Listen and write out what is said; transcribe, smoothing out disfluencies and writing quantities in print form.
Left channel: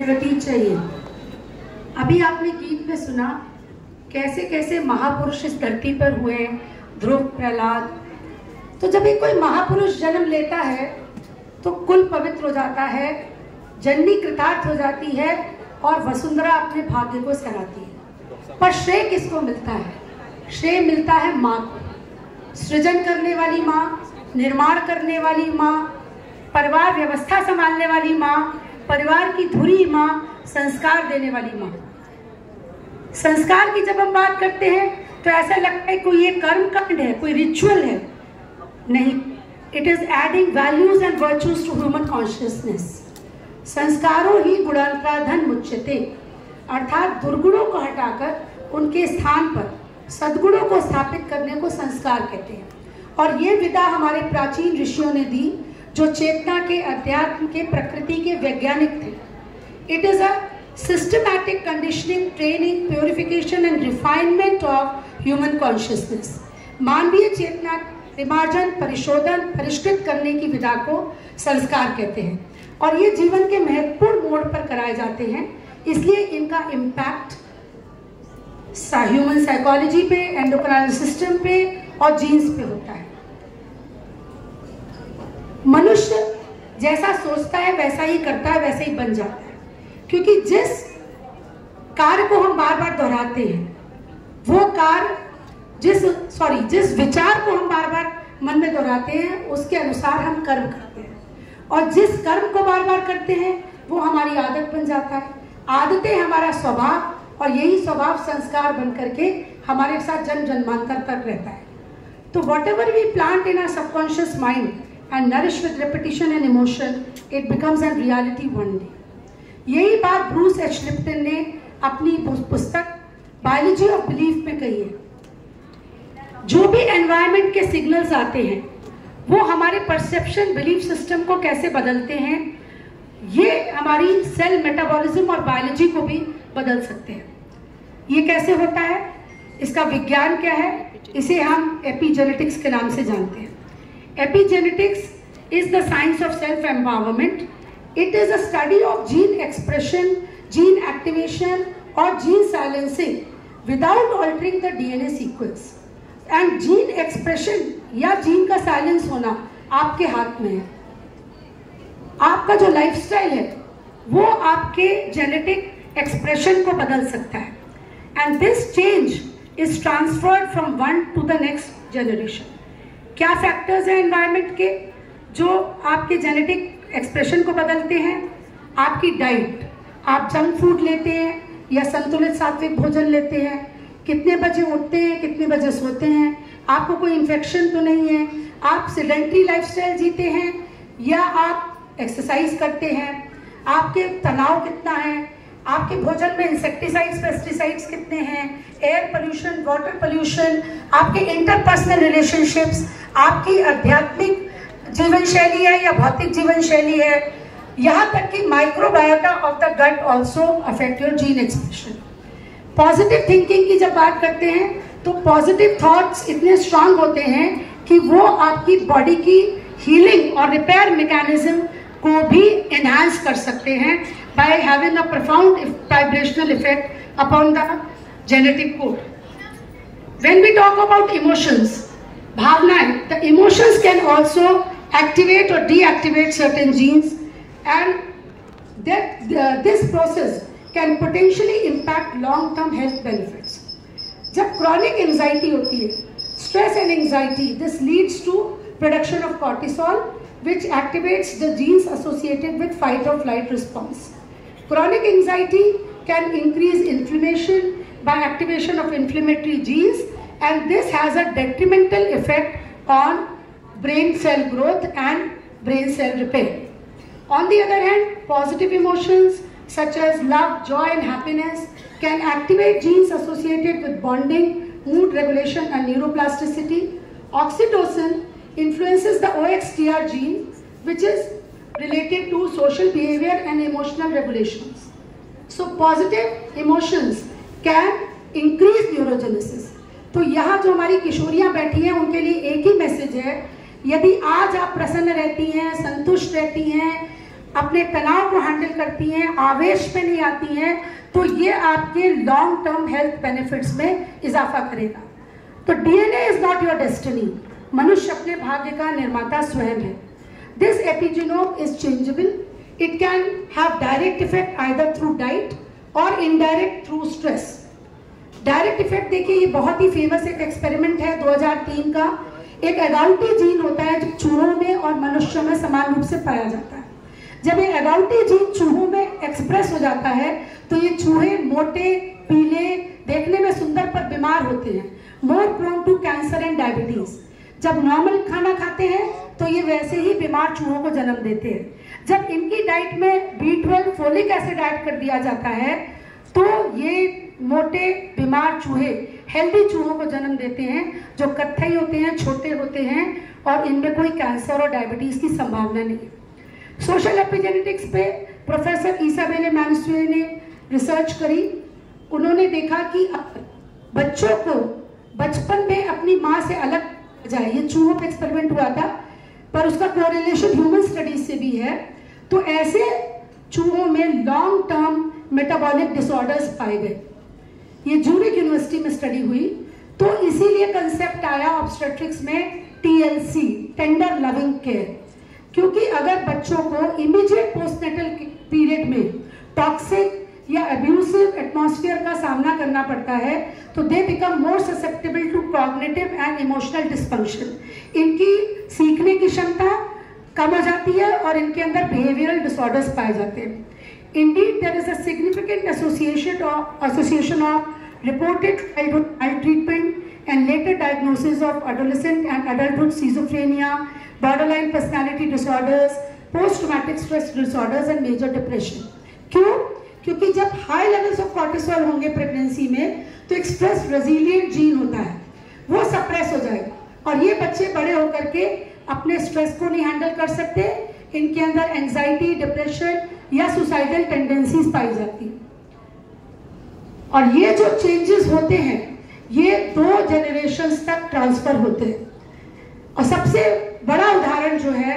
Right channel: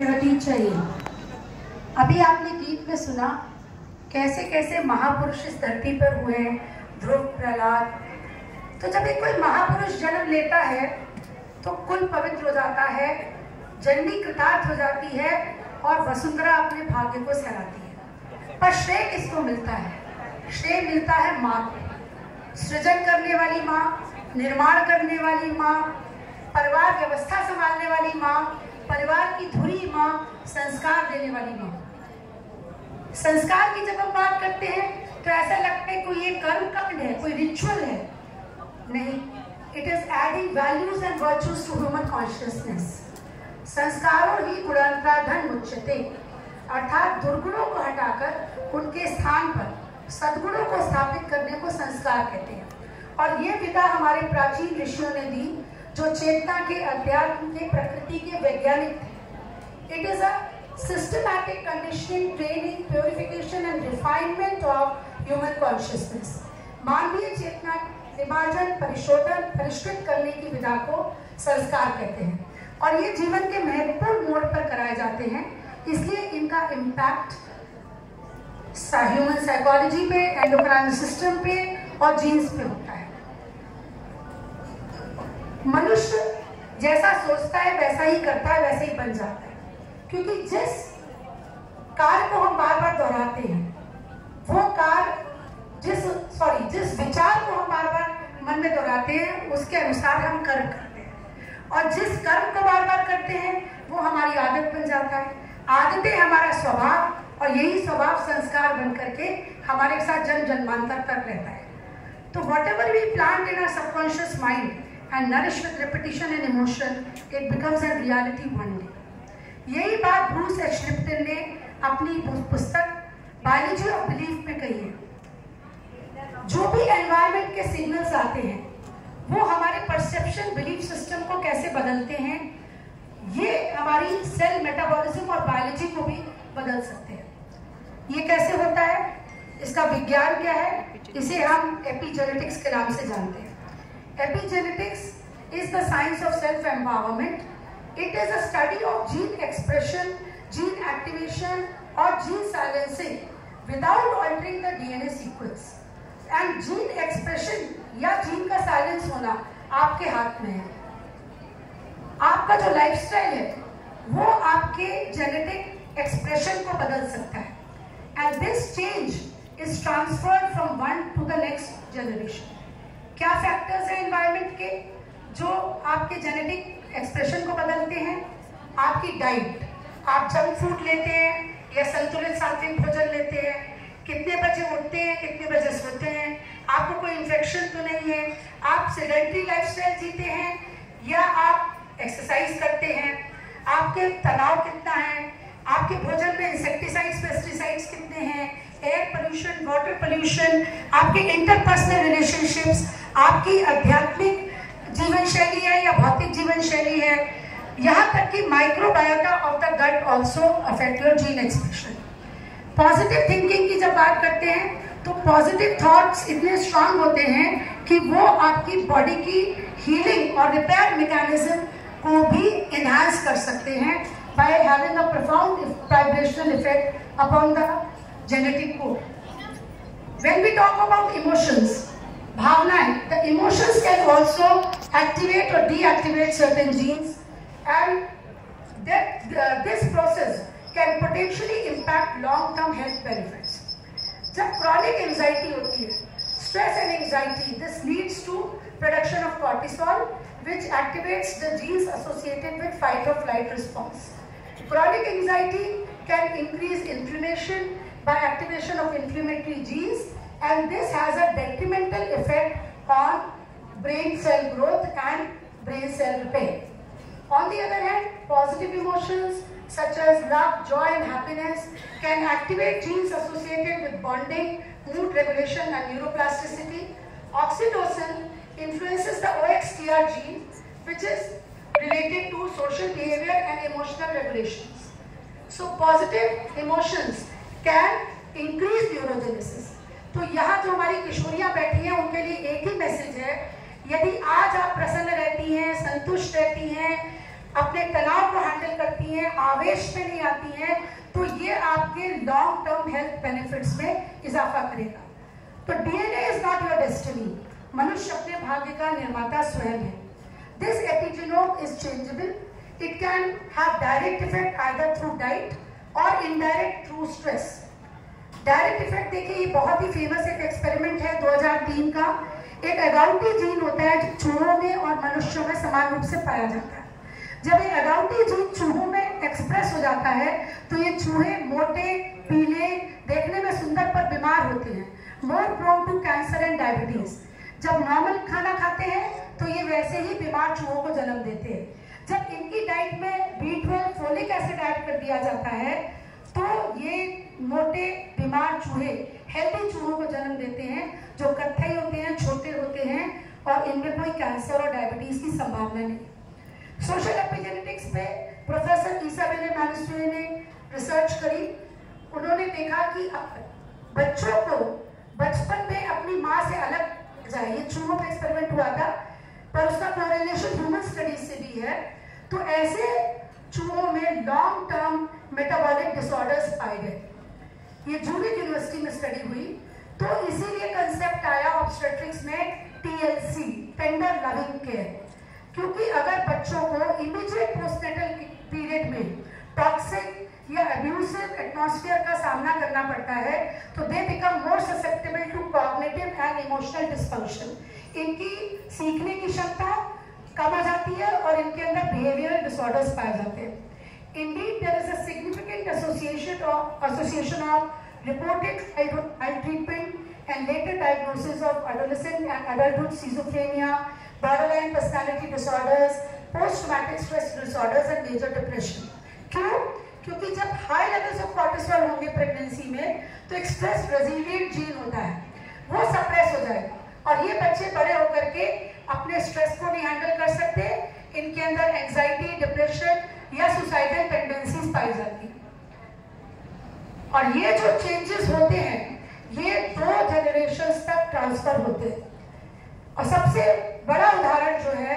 चाहिए। अभी आपने गीत में सुना कैसे कैसे महापुरुष इस धरती पर हुए, ध्रुव, प्रहलाद। तो जब एक कोई महापुरुष जन्म लेता है तो कुल पवित्र हो जाता है, जननी कृतार्थ हो जाती है और वसुंधरा अपने भाग्य को सराहती है। पर श्रेय किसको मिलता है? श्रेय मिलता है माँ को। सृजन करने वाली माँ, निर्माण करने वाली माँ, परिवार व्यवस्था संभालने वाली माँ, परिवार की धुरी माँ, संस्कार देने वाली माँ। संस्कार की जब हम बात करते हैं तो ऐसा लगता है कोई ये कर्म कांड है, कोई रिचुअल है। नहीं, it is adding values and virtues to human consciousness. संस्कारों ही गुणांतराधन मुच्यते, अर्थात दुर्गुणों को हटाकर उनके स्थान पर सद्गुणों को स्थापित करने को संस्कार कहते हैं। और ये विधा हमारे प्राचीन ऋषियों ने दी, जो चेतना के, अध्यात्म के, प्रकृति के वैज्ञानिक थे। It is a systematic conditioning, training, purification and refinement of human consciousness. मानवीय चेतना विमार्जन, परिशोधन, परिष्कृत करने की विधा को संस्कार कहते हैं। और ये जीवन के महत्वपूर्ण मोड़ पर कराए जाते हैं, इसलिए इनका इम्पैक्ट ह्यूमन साइकोलॉजी पे, एंडोक्राइन सिस्टम पे और जीन्स पे होता है। मनुष्य जैसा सोचता है वैसा ही करता है, वैसे ही बन जाता है। क्योंकि जिस कार्य को हम बार बार दोहराते हैं, वो कार्य जिस विचार को हम बार बार मन में दोहराते हैं, उसके अनुसार हम कर्म करते हैं। और जिस कर्म को बार बार करते हैं वो हमारी आदत बन जाता है। आदतें हमारा स्वभाव, और यही स्वभाव संस्कार बन करके हमारे साथ जन्म जन्मांतर तक रहता है। तो whatever we plant in our subconscious mind and nourish with repetition and emotion, it becomes a reality one day. यही बात ब्रूस एच लिप्टन ने अपनी पुस्तक बायोलॉजी ऑफ बिलीफ में कही है। जो भी एनवायरनमेंट के सिग्नल्स आते हैं वो हमारे परसेप्शन, बिलीफ सिस्टम को कैसे बदलते हैं, ये हमारी सेल मेटाबॉलिज्म और बायोलॉजी को भी बदल सकते हैं। ये कैसे होता है, इसका विज्ञान क्या है, इसे हम एपिजेनेटिक्स के नाम से जानते हैं। Epigenetics is the science of self-empowerment. It is a study of gene expression, gene activation or gene silencing without altering the DNA sequence. And gene expression या gene का silence होना आपके हाथ में है। आपका जो lifestyle है वो आपके genetic expression को बदल सकता है। And this change is transferred from one to the next generation. क्या फैक्टर्स हैं एनवायरनमेंट के जो आपके जेनेटिक एक्सप्रेशन को बदलते हैं? आपकी डाइट, आप जंक फूड लेते हैं या संतुलित सात्विक भोजन लेते हैं, कितने बजे उठते हैं, कितने बजे सोते हैं, आपको कोई इन्फेक्शन तो नहीं है, आप सेडेंटरी लाइफस्टाइल जीते हैं या आप एक्सरसाइज करते हैं, आपके तनाव कितना है, आपके भोजन में इंसेक्टिसाइड्स, पेस्टिसाइड्स कितने हैं, एयर पोल्यूशन, वाटर पोल्यूशन, आपके इंटरपर्सनल रिलेशनशिप्स, आपकी आध्यात्मिक जीवन शैली है या भौतिक जीवन शैली है, यहाँ तक कि microbiota of the gut also affect your gene expression. Positive thinking की जब बात करते हैं तो पॉजिटिव थॉट्स इतने स्ट्रांग होते हैं कि वो आपकी बॉडी की हीलिंग और रिपेयर मैकेनिज्म को भी एनहांस कर सकते हैं by having a profound vibrational effect upon the genetic code. When we talk about emotions, bhavnaएं, the emotions can also activate or deactivate certain genes, and this process can potentially impact long-term health benefits. जब chronic anxiety होती है, stress and anxiety, this leads to production of cortisol, which activates the genes associated with fight or flight response. Chronic anxiety can increase inflammation by activation of inflammatory genes, and this has a detrimental effect on brain cell growth and brain cell repair. On the other hand, positive emotions such as love, joy and happiness can activate genes associated with bonding, mood regulation and neuroplasticity. Oxytocin influences the OXTR gene, which is related to social behavior and emotional regulations. So positive emotions can increase neurogenesis. तो यहाँ जो हमारी किशोरियाँ बैठी हैं उनके लिए एक ही message है, यदि आज आप प्रसन्न रहती हैं, संतुष्ट रहती हैं, अपने तनाव को हैंडल करती हैं, आवेश में नहीं आती हैं, तो ये आपके लॉन्ग टर्म हेल्थ बेनिफिट्स में इजाफा करेगा। तो DNA is not your destiny, मनुष्य अपने भाग्य का निर्माता स्वयं है। This epigenome is changeable, it can have direct effect either through diet और indirect through stress. Direct effect देखिए, ये बहुत ही फेमस एक एक्सपेरिमेंट है 2003 का। एक एगाउटी जीन होता है जो चूहों में और मनुष्यों में समान रूप से पाया जाता है। जब ये एगाउटी जीन चूहों में एक्सप्रेस हो जाता है तो ये चूहे मोटे, पीले, देखने में सुंदर पर बीमार होते हैं, more prone to cancer and diabetes. जब नॉर्मल खाना खाते हैं तो ये वैसे ही बीमार चूहों को जन्म देते हैं। जब इनकी डाइट में B12 फोलिक एसिड ऐड कर दिया जाता है तो ये मोटे बीमार चूहे हेल्दी चूहों को जन्म देते हैं जो कत्थई होते हैं, छोटे होते हैं और इनमें कोई कैंसर और डायबिटीज की संभावना नहीं है। सोशल एपिजेनेटिक्स पे प्रोफेसर इसाबेले मैनुस्वे ने रिसर्च करी। उन्होंने देखा कि बच्चों को बचपन में अपनी माँ से अलग जाए, ये चूहों पे एक्सपेरिमेंट हुआ था पर उसका कोरिलेशन ह्यूमन स्टडीज से भी है। तो ऐसे चूहों में लॉन्ग टर्म मेटाबॉलिक डिसऑर्डर्स पाए गए। ये ज्यूरिक यूनिवर्सिटी में स्टडी हुई, तो इसीलिए कंसेप्ट आया ऑब्स्टेट्रिक्स में TLC, टेंडर लविंग केयर। क्योंकि अगर बच्चों को इमीडिएट पोस्टनेटल पीरियड में टॉक्सिक या अब्यूसिव एटमॉस्फेयर का सामना करना पड़ता है तो they become more susceptible to cognitive and emotional dysfunction. इनकी सीखने की क्षमता कम हो जाती है और इनके अंदर बिहेवियरल डिसऑर्डर्स पाए जाते हैं। Indeed, there is a significant association of reported childhood maltreatment and later diagnosis of adolescent and adulthood schizophrenia, borderline personality disorders, post-traumatic stress disorders and major depression. क्यों? क्योंकि जब हाई लेवल्स ऑफ कॉर्टिसोल होंगे pregnancy में तो एक stress resilient gene होता है, वो सप्रेस हो जाएगा और ये बच्चे बड़े होकर के अपने स्ट्रेस को नहीं हैंडल कर सकते। इनके अंदर एंजाइटी, डिप्रेशन या सुसाइडल टेंडेंसीज पाई जाती है। और ये जो चेंजेस होते हैं ये 2 जनरेशंस तक ट्रांसफर होते हैं। और सबसे बड़ा उदाहरण जो है